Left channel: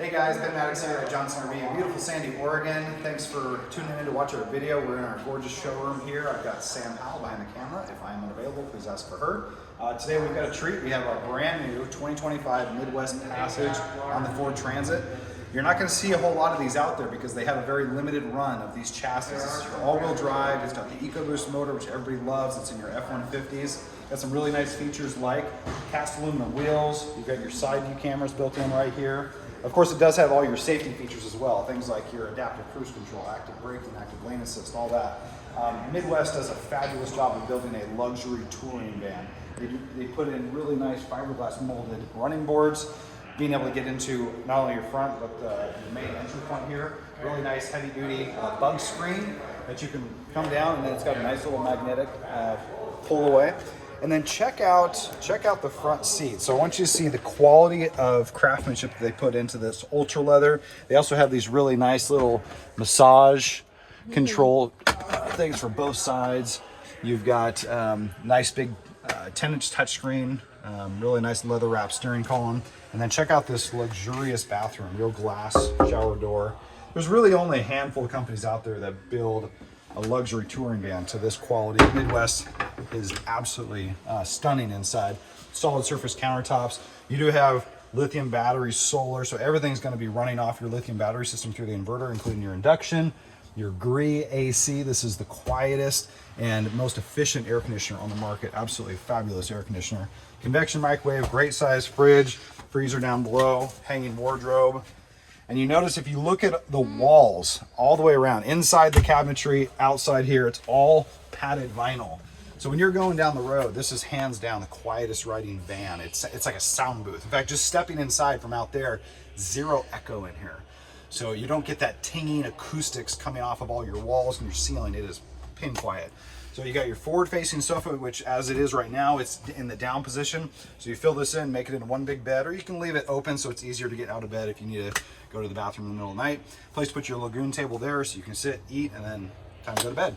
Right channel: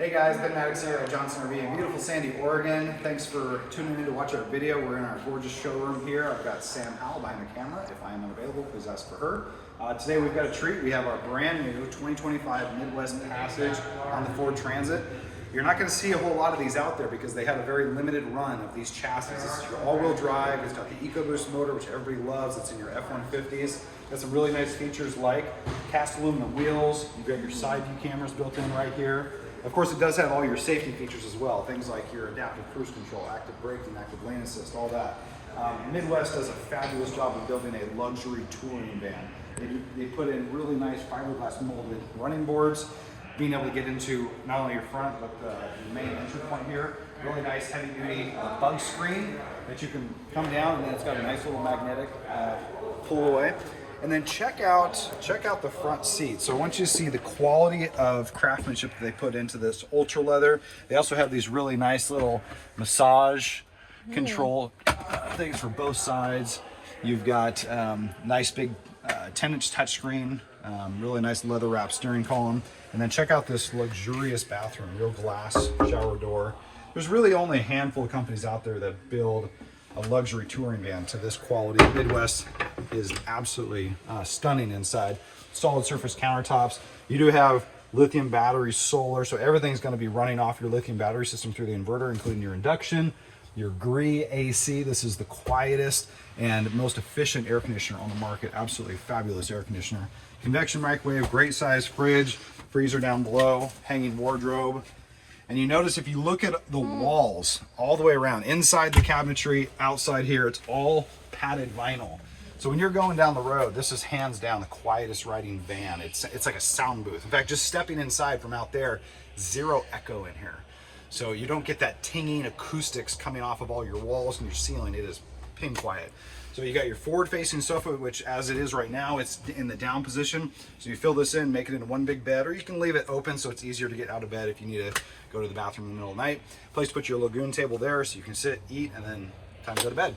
Hey guys, Ben Maddox here at Johnson RV in beautiful Sandy, Oregon. Thanks for tuning in to watch our video. We're in our gorgeous showroom here. I've got Sam Howell behind the camera. If I am unavailable, please ask for her. Today we've got a treat. We have our brand new 2025 Midwest Passage on the Ford Transit. You're not going to see a whole lot of these out there because they have a very limited run of these chassis. This is your all-wheel drive. It's got the EcoBoost motor, which everybody loves. It's in your F-150s. Got some really nice features like cast aluminum wheels. You've got your side view cameras built in right here. Of course, it does have all your safety features as well. Things like your adaptive cruise control, active braking, active lane assist, all that. Midwest does a fabulous job of building a luxury touring van. They put in really nice fiberglass molded running boards, being able to get into not only your front, but the main entry point here. Really nice heavy duty bunk screen that you can come down, and then it's got a nice little magnetic pull away. And then check out the front seat. So I want you to see the quality of craftsmanship that they put into this ultra leather. They also have these really nice little massage control things for both sides. You've got nice big 10-inch touchscreen, really nice leather wrap steering column. And then check out this luxurious bathroom, real glass shower door. There's really only a handful of companies out there that build a luxury touring van to this quality. Midwest is absolutely stunning inside. Solid surface countertops. You do have lithium batteries, solar, so everything's going to be running off your lithium battery system through the inverter, including your induction, your GREE AC. This is the quietest and most efficient air conditioner on the market. Absolutely fabulous air conditioner. Convection microwave, great size fridge, freezer down below, hanging wardrobe. And you notice if you look at the walls all the way around, inside the cabinetry, outside here, it's all padded vinyl. So when you're going down the road, this is hands down the quietest riding van. It's like a sound booth. In fact, just stepping inside from out there, zero echo in here. So you don't get that tinging acoustics coming off of all your walls and your ceiling. It is pin quiet. So you got your forward-facing sofa, which as it is right now, it's in the down position. So you fill this in, make it into one big bed, or you can leave it open so it's easier to get out of bed if you need to go to the bathroom in the middle of the night. Place to put your lagoon table there so you can sit, eat, and then time to go to bed.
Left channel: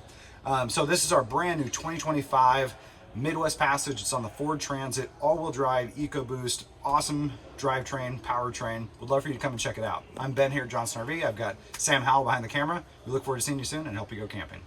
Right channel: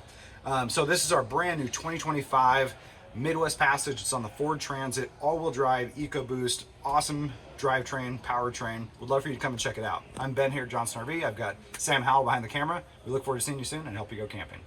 So this is our brand new 2025 Midwest Passage. It's on the Ford Transit, all-wheel drive, EcoBoost, awesome drivetrain, powertrain. Would love for you to come and check it out. I'm Ben here at Johnson RV. I've got Sam Howell behind the camera. We look forward to seeing you soon and help you go camping.